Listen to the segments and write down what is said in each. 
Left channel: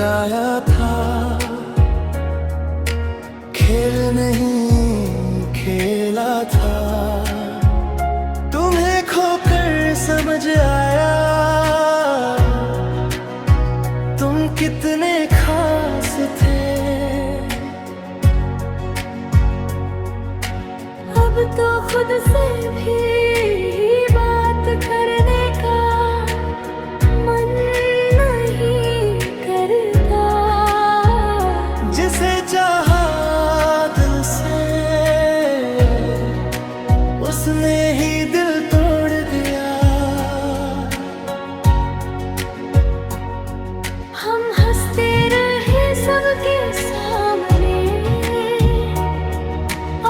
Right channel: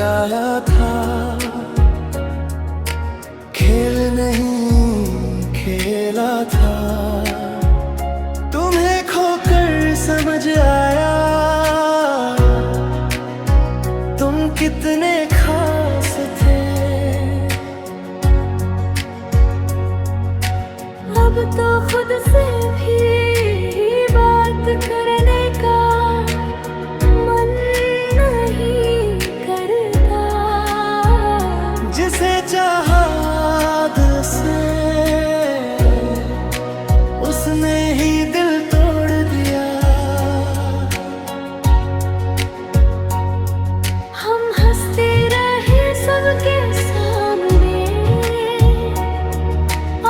लगाया था, खेल नहीं खेला था। तुम्हें खोकर समझ आया तुम कितने खास थे। अब तो खुद से भी बात करने का मन नहीं करता। जिसे चाहा दिल से उसने ही दिल तोड़ दिया। हम हंसते रहे सबके सामने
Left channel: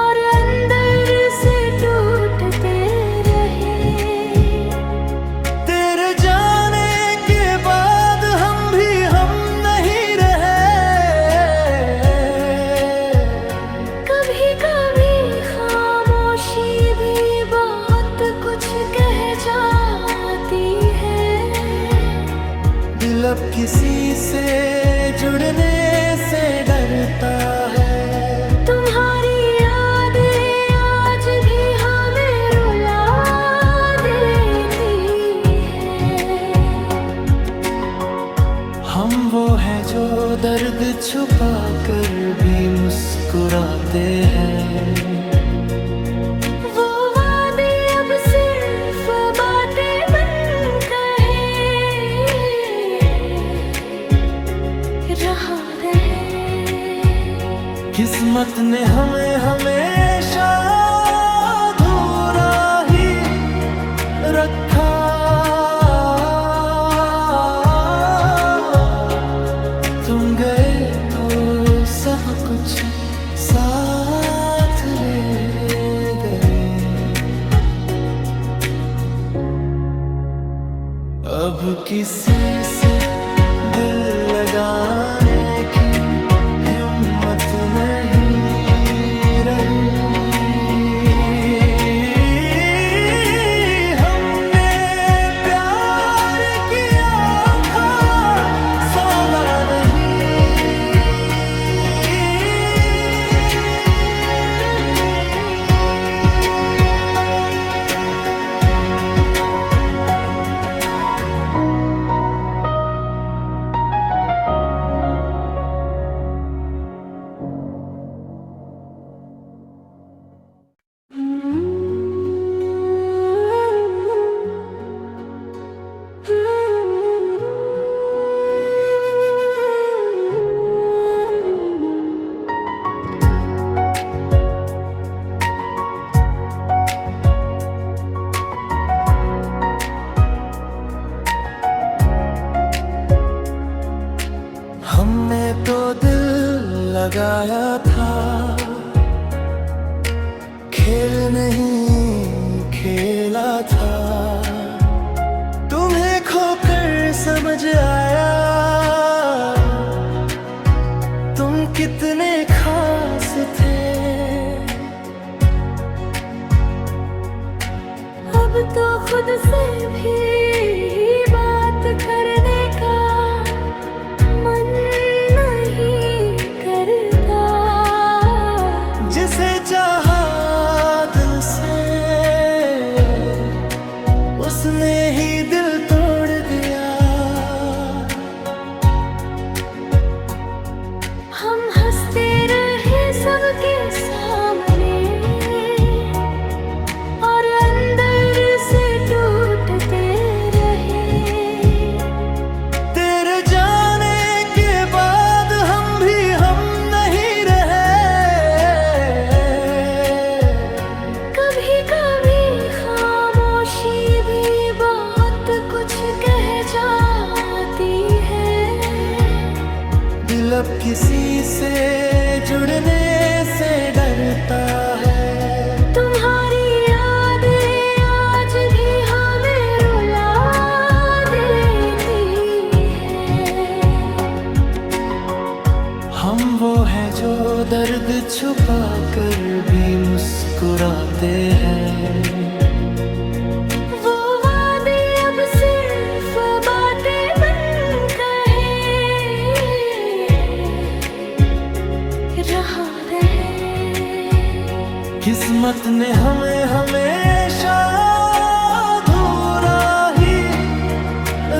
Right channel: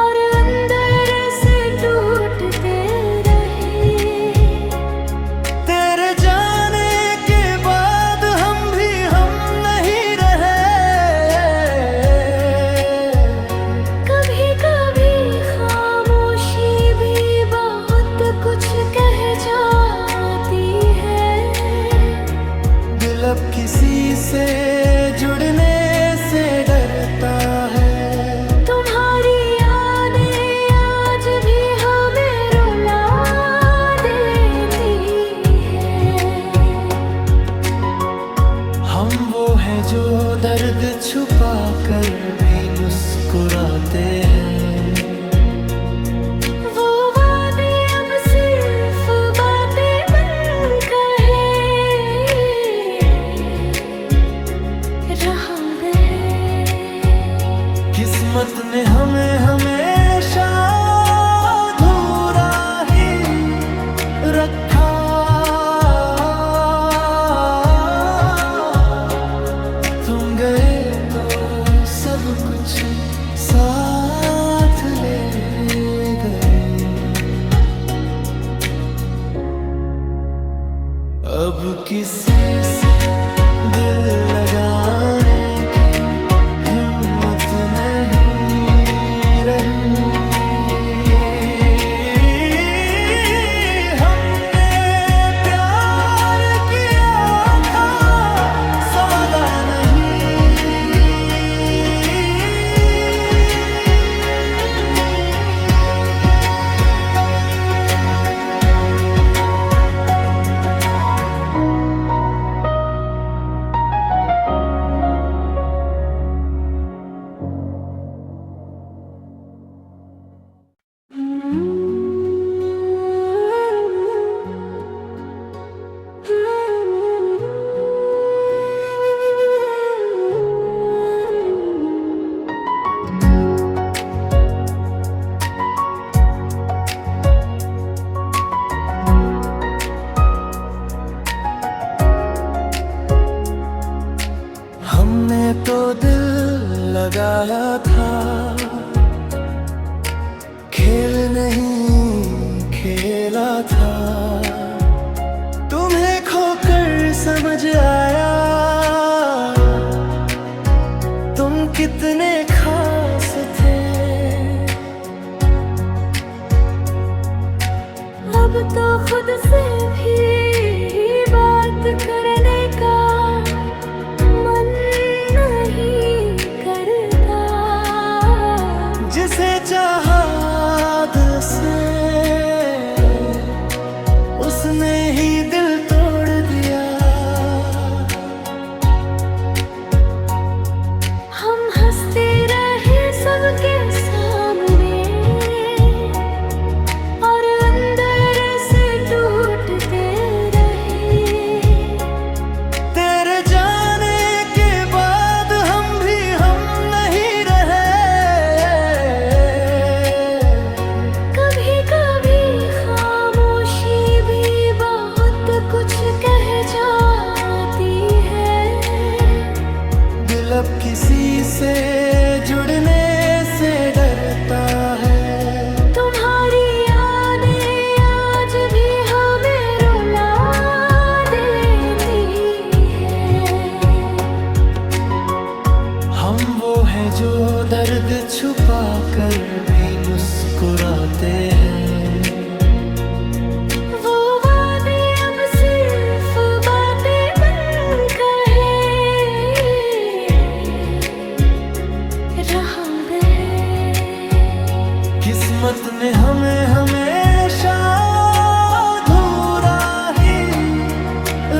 और अंदर से टूटते रहे। तेरे जाने के बाद हम भी हम नहीं रहे। कभी कभी खामोशी भी बहुत कुछ कह जाती है। दिल अब किसी से जुड़ने से डरता है। तुम्हारी यादें आज भी हमें रुला देती है। हम वो हैं जो दर्द छुपा कर भी मुस्कुराते हैं। वो वादे अब सिर्फ बातें बनकर रहा है। किस्मत ने हमें हमेशा अधूरा ही रखा। तुम गए तो सब कुछ साथ ले गए। अब किसी से दिल लगाने की हिम्मत नहीं रही। हमने प्यार किया था सौदा नहीं। हमने तो दिल लगाया था, खेल नहीं खेला था। तुम्हें खोकर समझ आया तुम कितने खास थे। अब तो खुद से भी बात करने का मन नहीं करता। जिसे चाहा दिल से उसने ही दिल तोड़ दिया। हम हंसते रहे सबके सामने और अंदर से टूटते रहे। तेरे जाने के बाद हम भी हम नहीं रहे। कभी कभी खामोशी भी बहुत कुछ कह जाती है। दिल अब किसी से जुड़ने से डरता है। तुम्हारी यादें आज भी हमें रुला देती है। हम वो हैं जो दर्द छुपा कर भी मुस्कुराते हैं। वो वादे अब सिर्फ बातें बनकर है। किस्मत ने हमें हमेशा अधूरा ही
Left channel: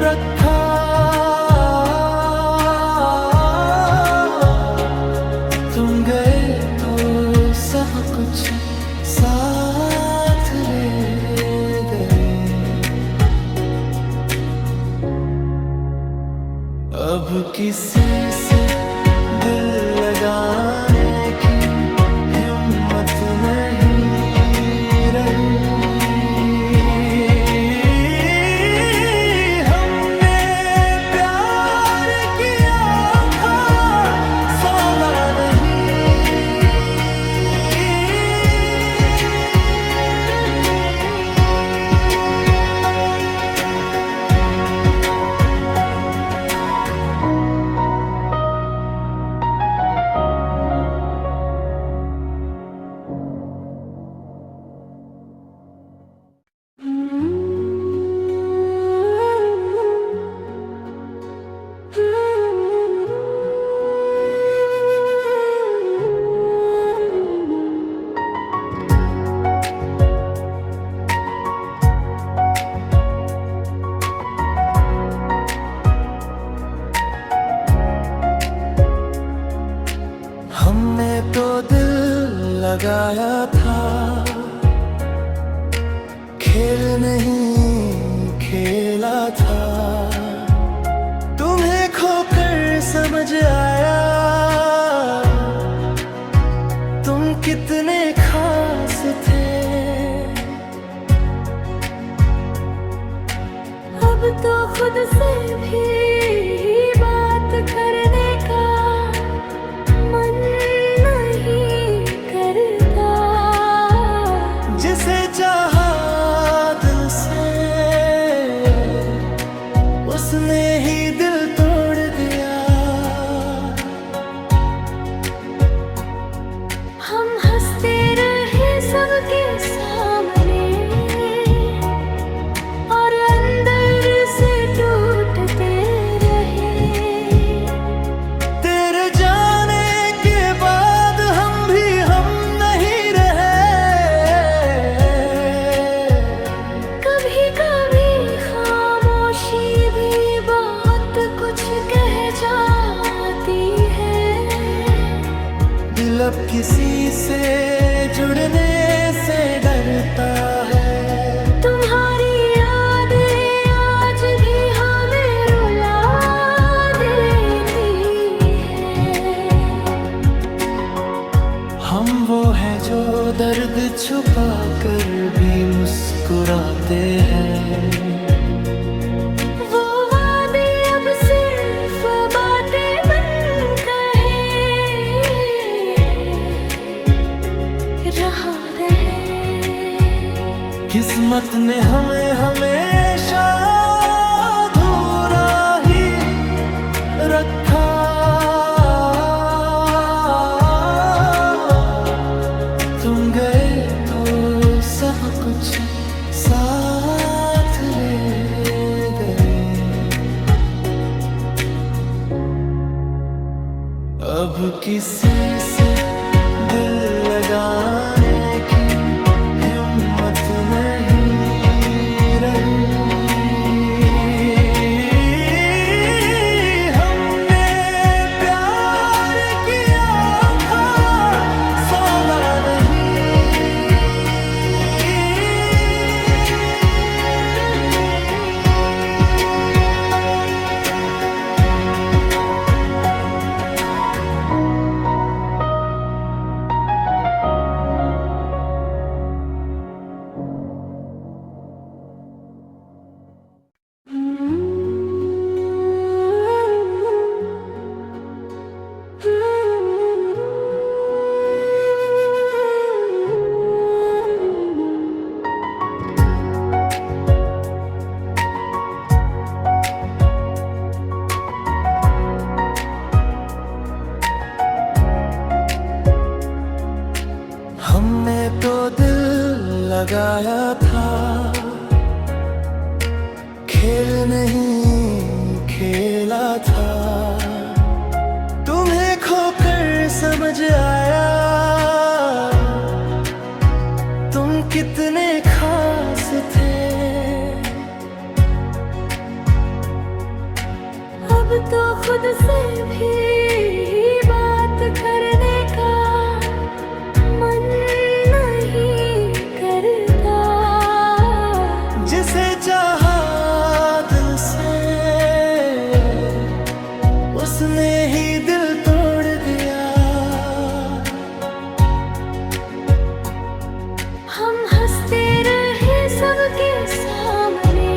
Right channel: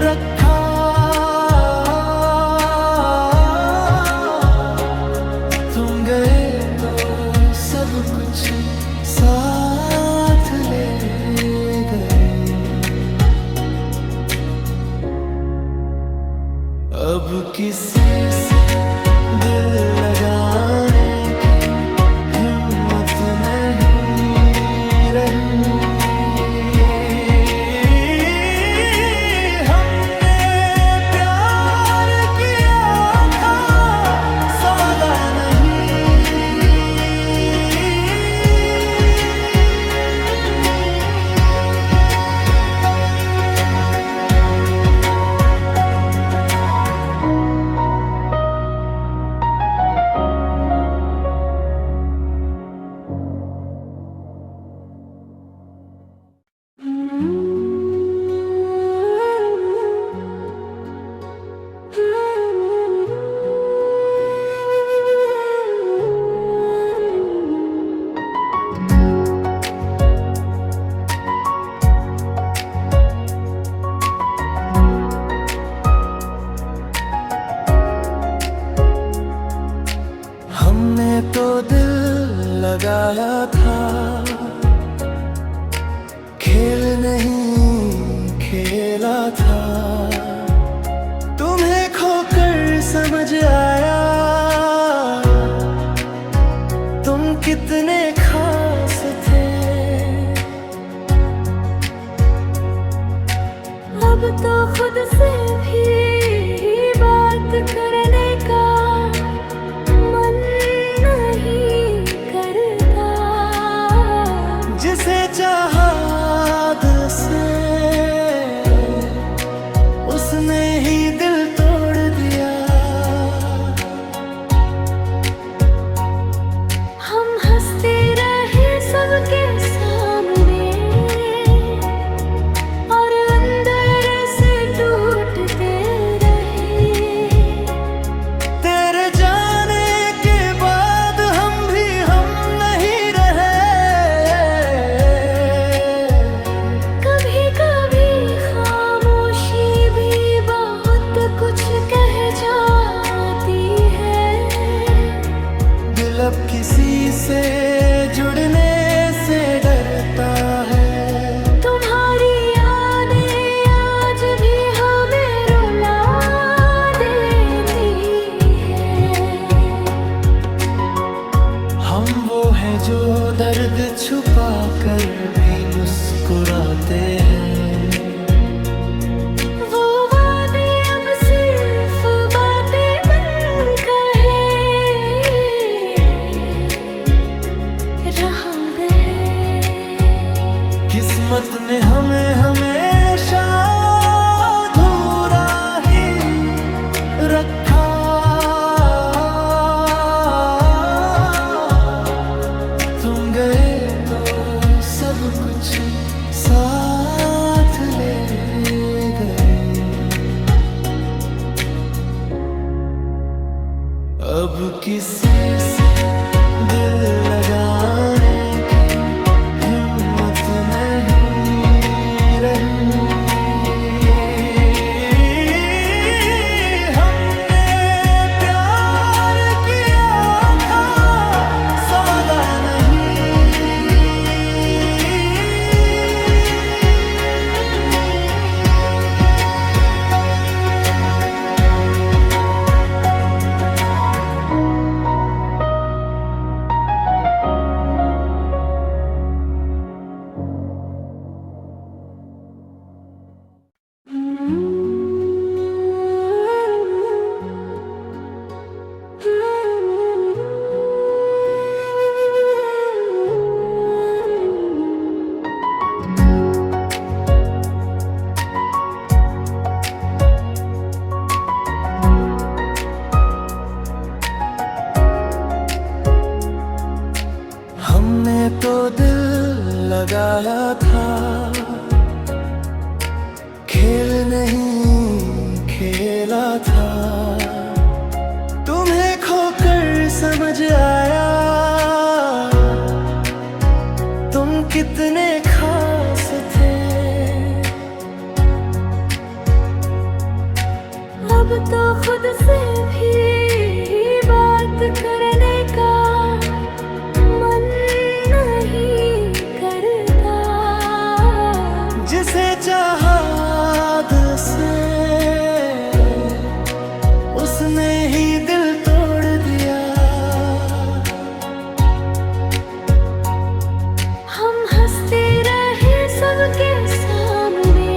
रखा। तुम गए तो सब कुछ साथ ले गए। अब किसी से दिल लगाने की हिम्मत नहीं रही। हमने प्यार किया था सौदा नहीं। हमने तो दिल लगाया था, खेल नहीं खेला था। तुम्हें खोकर समझ आया तुम कितने खास थे। अब तो खुद से भी बात करने का मन नहीं करता। जिसे चाहा दिल से उसने ही दिल तोड़ दिया। हम हंसते रहे सबके सामने और अंदर से टूटते रहे। तेरे जाने के बाद हम भी हम नहीं रहे। कभी कभी खामोशी भी बहुत कुछ कह जाती है। दिल अब किसी से जुड़ने से डरता है। तुम्हारी यादें आज भी हमें रुला देती है। हम वो हैं जो दर्द छुपा कर भी मुस्कुराते हैं। वो वादे अब सिर्फ बातें बनकर रहा है। किस्मत ने हमें हमेशा अधूरा ही रखा। तुम गए तो सब कुछ साथ ले गए। अब किसी से दिल लगाने की हिम्मत नहीं रही। हमने प्यार किया था सौदा नहीं। हमने तो दिल लगाया था, खेल नहीं खेला था। तुम्हें खोकर समझ आया तुम कितने खास थे। अब तो खुद से भी बात करने का मन नहीं करता। जिसे चाहा दिल से उसने ही दिल तोड़ दिया। हम हंसते रहे सबके सामने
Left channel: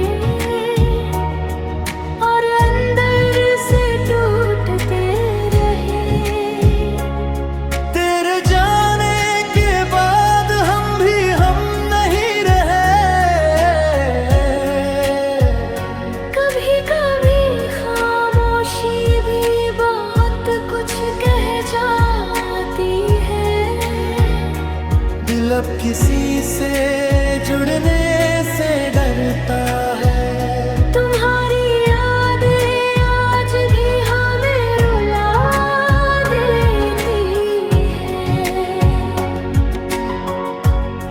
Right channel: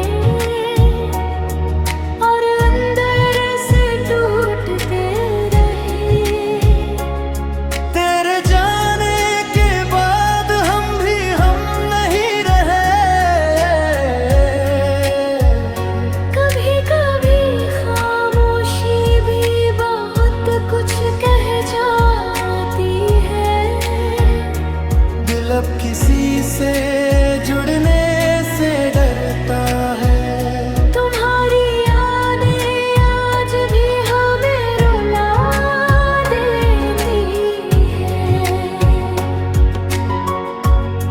और अंदर से टूटते रहे। तेरे जाने के बाद हम भी हम नहीं रहे। कभी कभी खामोशी भी बहुत कुछ कह जाती है। दिल अब किसी से जुड़ने से डरता है। तुम्हारी यादें आज भी हमें रुला देती है।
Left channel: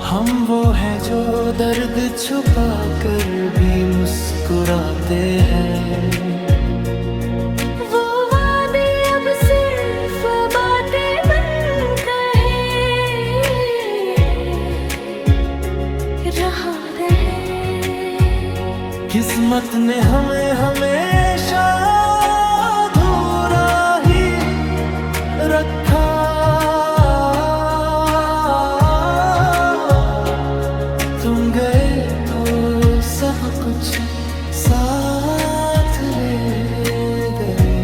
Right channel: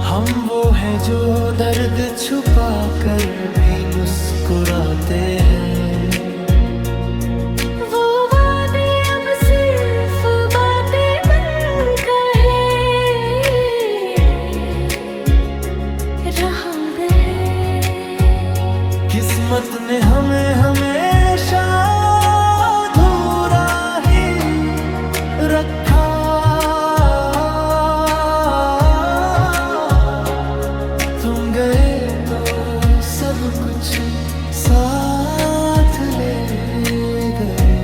हम वो हैं जो दर्द छुपा कर भी मुस्कुराते हैं। वो वादे अब सिर्फ बातें बनकर रहा है। किस्मत ने हमें हमेशा अधूरा ही रखा। तुम गए तो सब कुछ साथ ले गए।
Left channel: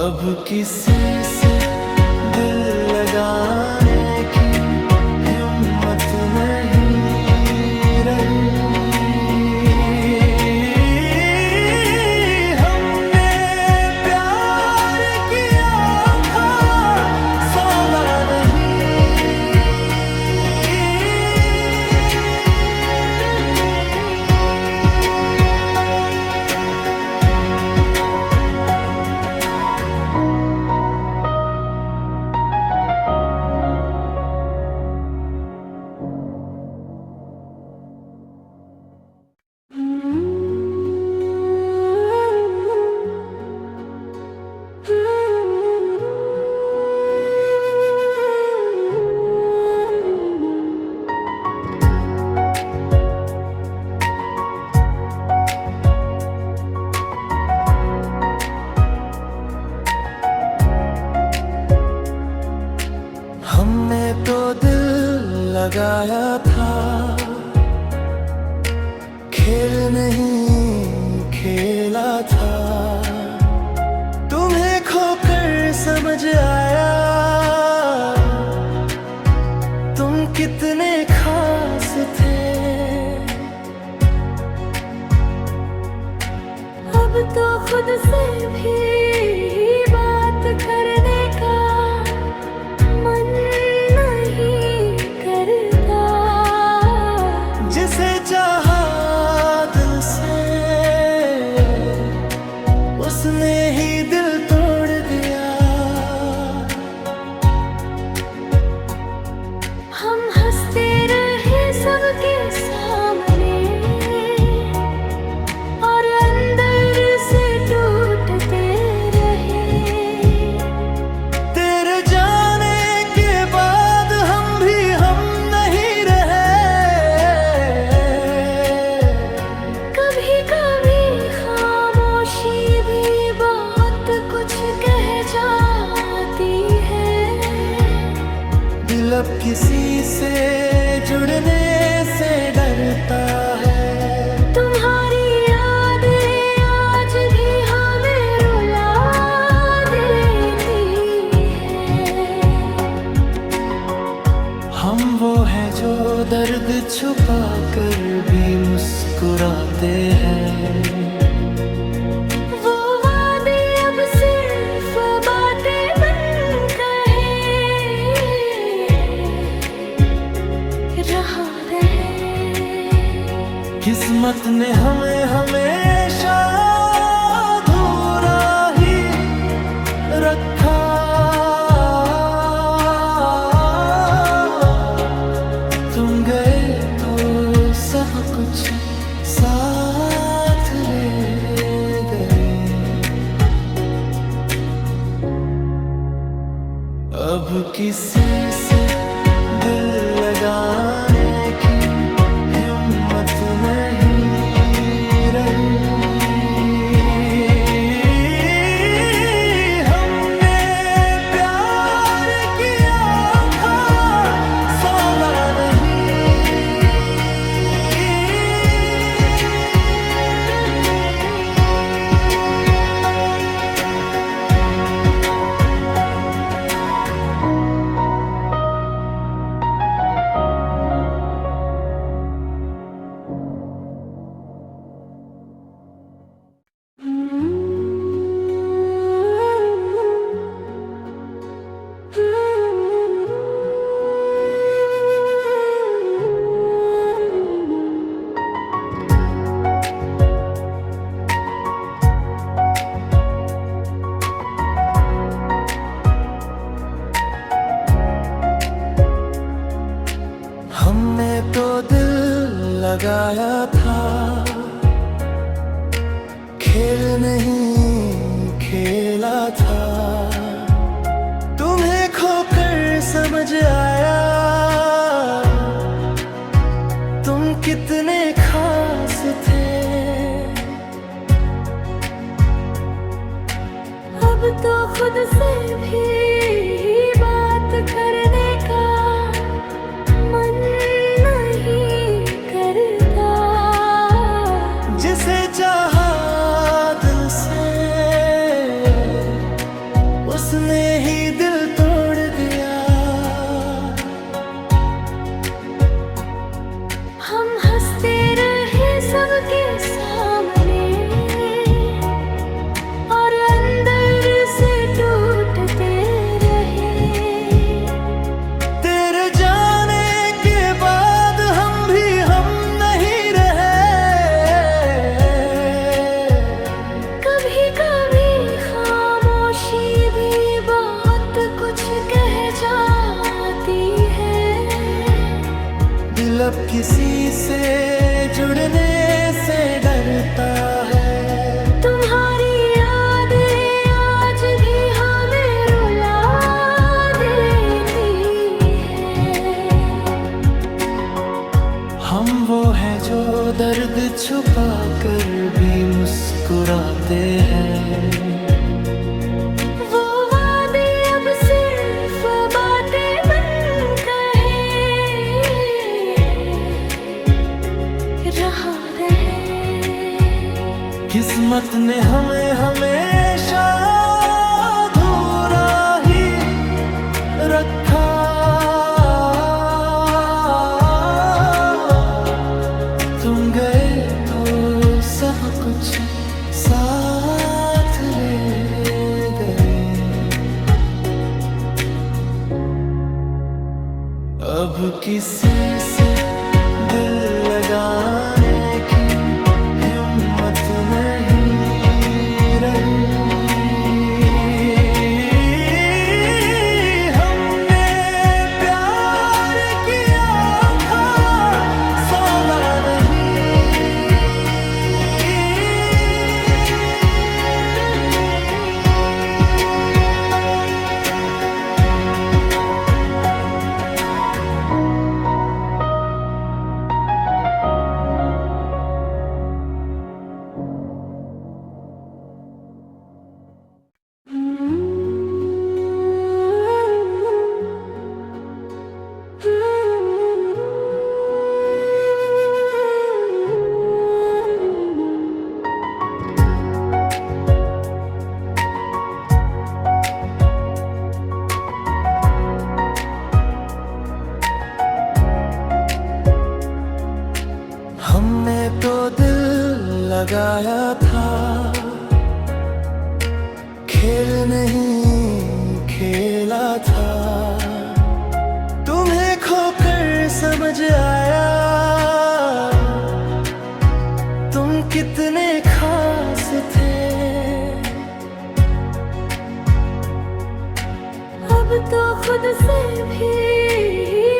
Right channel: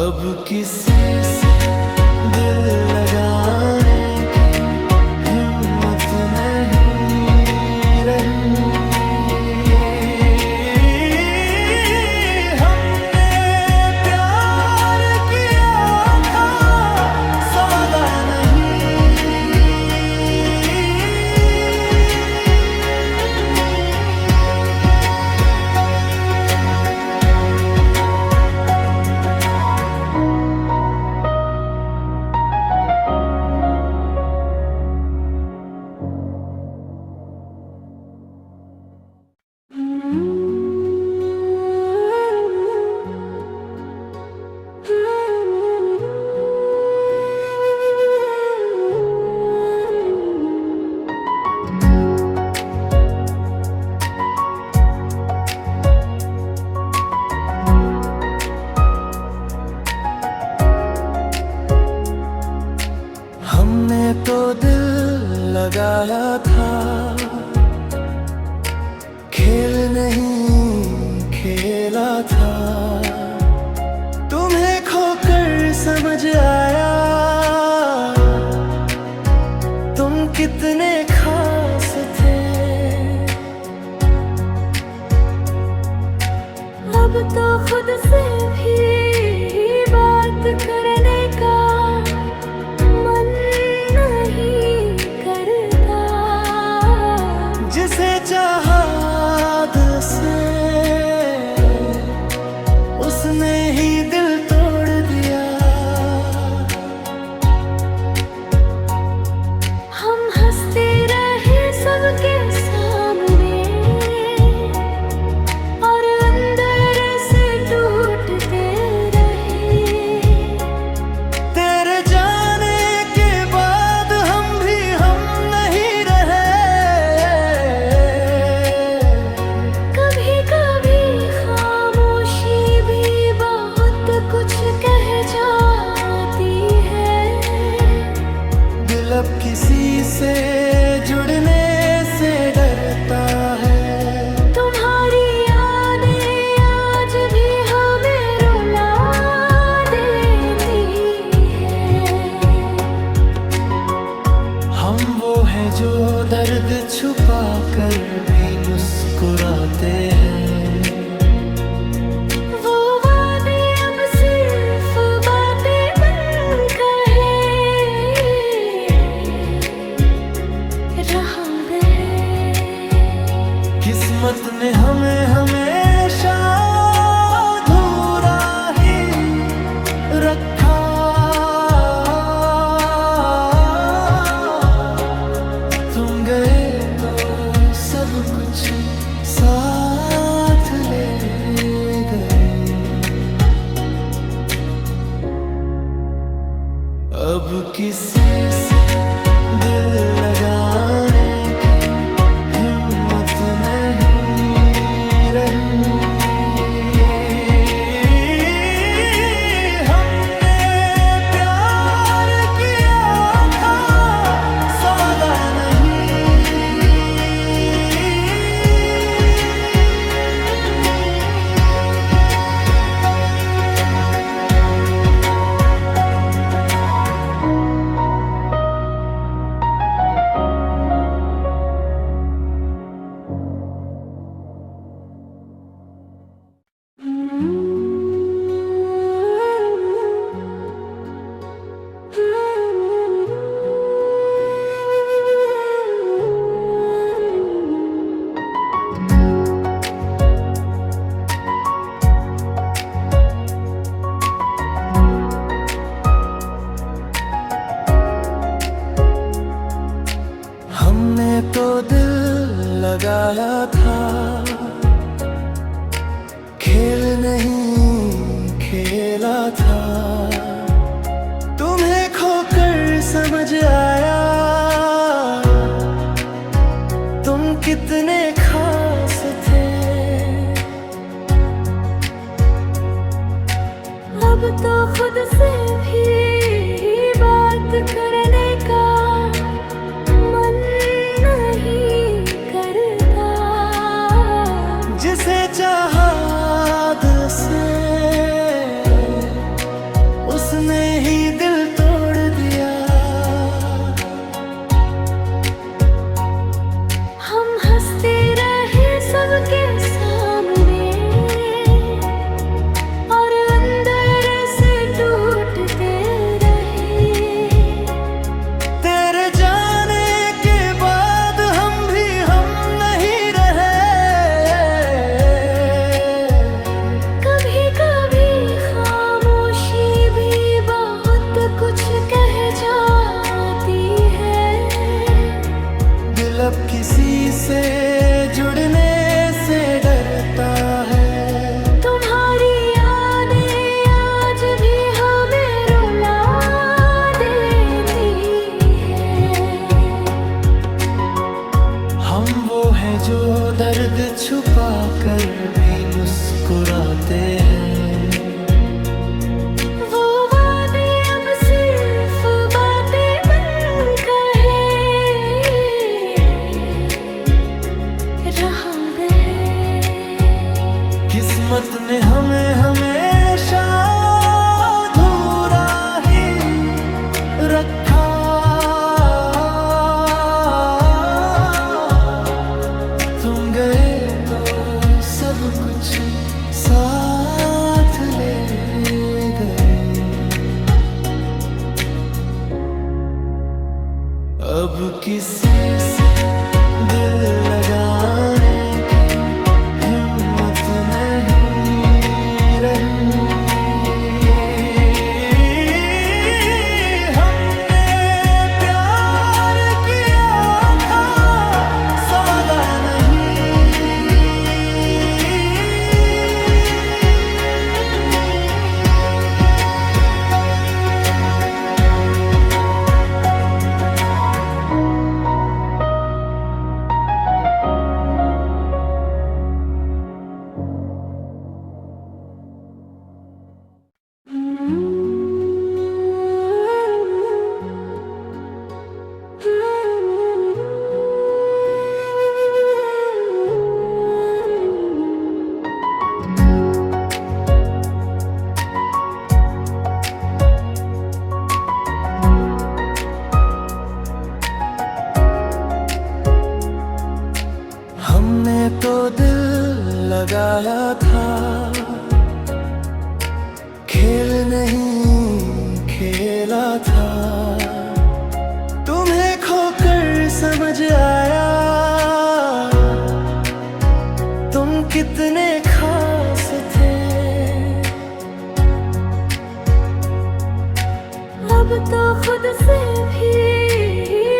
अब किसी से दिल लगाने की हिम्मत नहीं रही। हमने प्यार किया था सौदा हमने तो दिल लगाया था, खेल नहीं खेला था। तुम्हें खोकर समझ आया तुम कितने खास थे। अब तो खुद से भी बात करने का मन नहीं करता। जिसे चाहा दिल से उसने ही दिल तोड़ दिया। हम हंसते रहे सबके सामने और अंदर से टूटते रहे। तेरे जाने के बाद हम भी हम नहीं रहे। कभी कभी खामोशी भी बहुत कुछ कह जाती है। दिल अब किसी से जुड़ने से डरता है। तुम्हारी यादें आज भी हमें रुला देती है। हम वो हैं जो दर्द छुपा कर भी मुस्कुराते हैं। वो वादे अब सिर्फ बातें बनकर रहा है। किस्मत ने हमें हमेशा अधूरा रखा। तुम गए तो सब कुछ साथ ले गए। अब किसी से दिल लगाने की हिम्मत नहीं रही। हमने प्यार किया था, सौदा नहीं। हमने तो दिल लगाया था, खेल नहीं खेला था। तुम्हें खोकर समझ आया तुम कितने खास थे। अब तो खुद से भी बात करने का मन नहीं करता। जिसे चाहा दिल से उसने ही दिल तोड़ दिया। हम हंसते रहे सबके सामने और अंदर से टूटते रहे। तेरे जाने के बाद हम भी हम नहीं रहे। कभी कभी खामोशी भी बहुत कुछ कह जाती है। दिल अब किसी से जुड़ने से डरता है। तुम्हारी यादें आज भी हमें रुला देती है। हम वो हैं जो दर्द छुपा कर भी मुस्कुराते हैं। वो वादे अब सिर्फ बातें बनकर रहा है। किस्मत ने हमें हमेशा अधूरा ही रखा। तुम गए तो सब कुछ साथ ले गए। अब किसी से दिल लगाने की हिम्मत नहीं रही। हमने प्यार किया था, सौदा नहीं। हमने तो दिल लगाया था, खेल नहीं खेला था। तुम्हें खोकर समझ आया तुम कितने खास थे। अब तो खुद से भी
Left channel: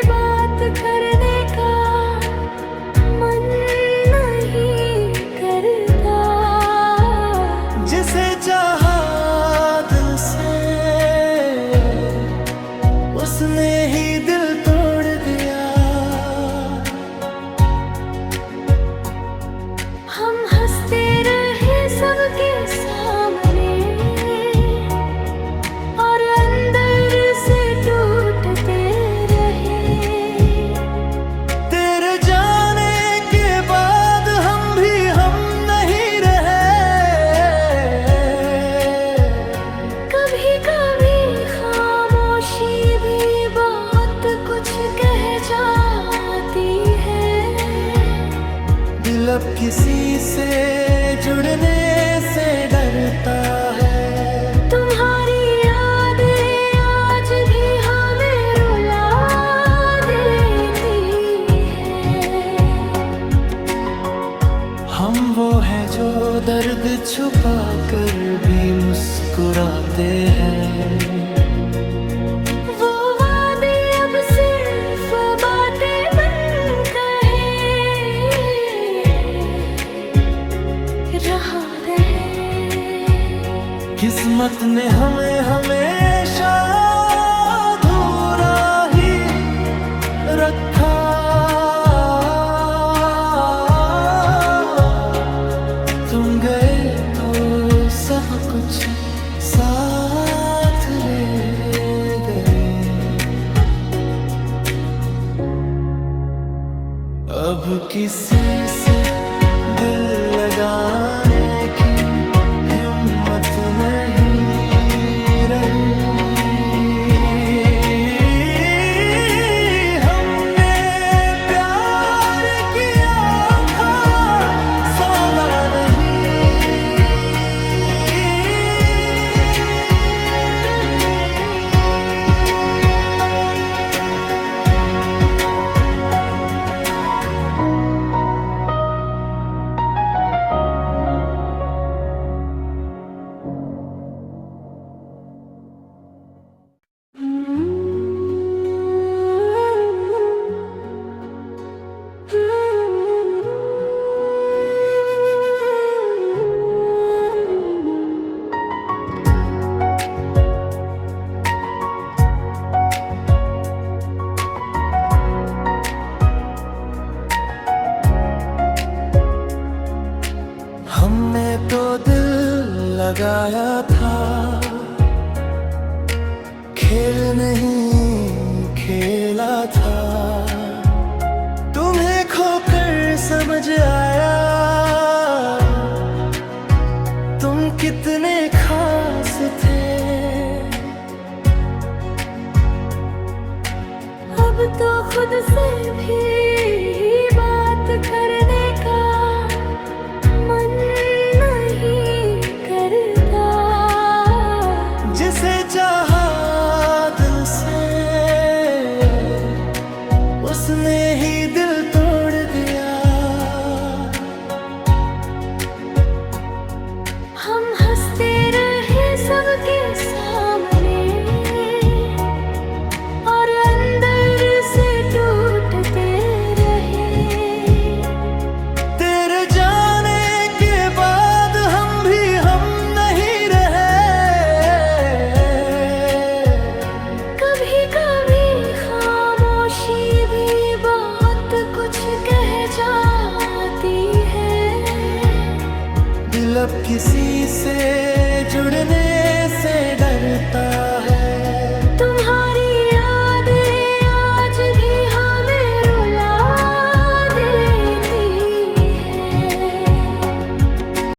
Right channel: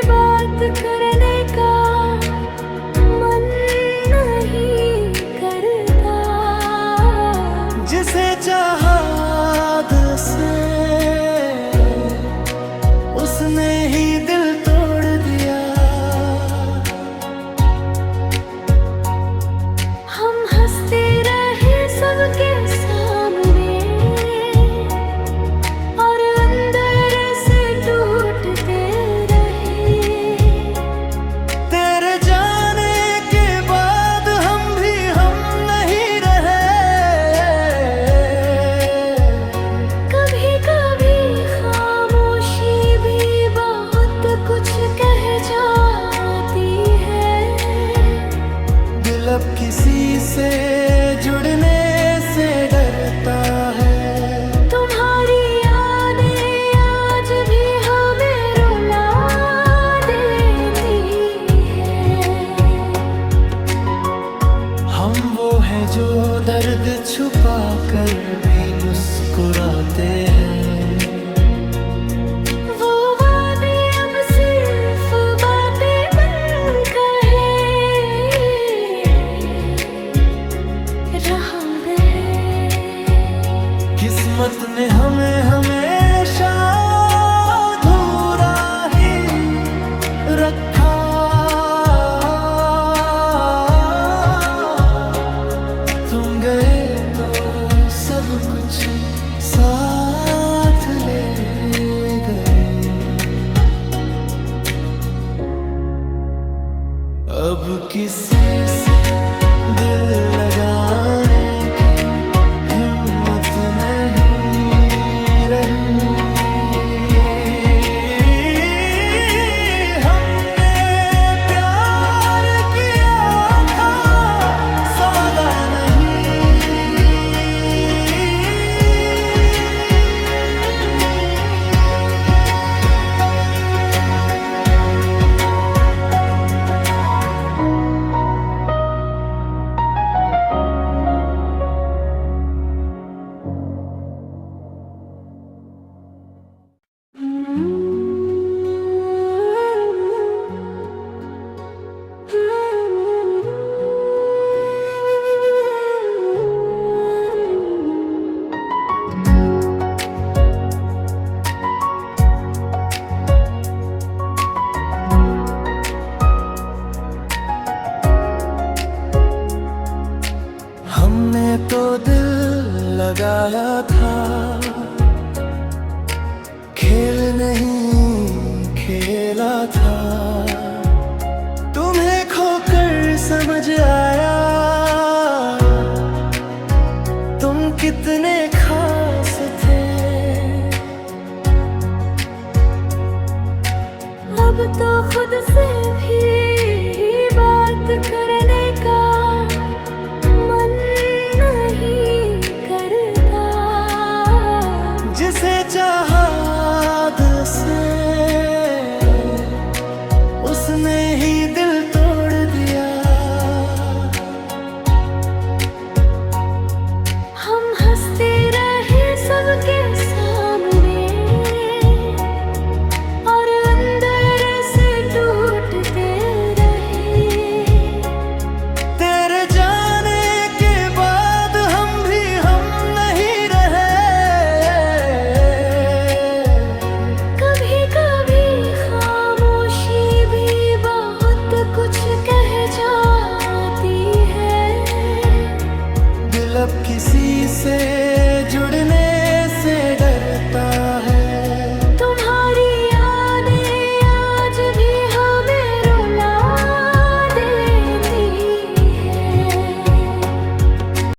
बात करने का मन नहीं करता। जिसे चाहा दिल से उसने ही दिल तोड़ दिया। हम हंसते रहे सबके सामने और अंदर से टूटते रहे। तेरे जाने के बाद हम भी हम नहीं रहे। कभी कभी खामोशी भी बहुत कुछ कह जाती है। दिल अब किसी से जुड़ने से डरता है। तुम्हारी यादें आज भी हमें रुला देती है। हम वो हैं जो दर्द छुपा कर भी मुस्कुराते हैं। वो वादे अब सिर्फ बातें बनकर रहा है। किस्मत ने हमें हमेशा अधूरा ही रखा। तुम गए तो सब कुछ साथ ले गए। अब किसी से दिल लगाने की हिम्मत नहीं रही। हमने प्यार किया था सौदा नहीं। हमने तो दिल लगाया था, खेल नहीं खेला था। तुम्हें खोकर समझ आया तुम कितने खास थे। अब तो खुद से भी बात करने का मन नहीं करता। जिसे चाहा दिल से उसने ही दिल तोड़ दिया। हम हंसते रहे सबके सामने और अंदर से टूटते रहे। तेरे जाने के बाद हम भी हम नहीं रहे। कभी कभी खामोशी भी बहुत कुछ कह जाती है। दिल अब किसी से जुड़ने से डरता है।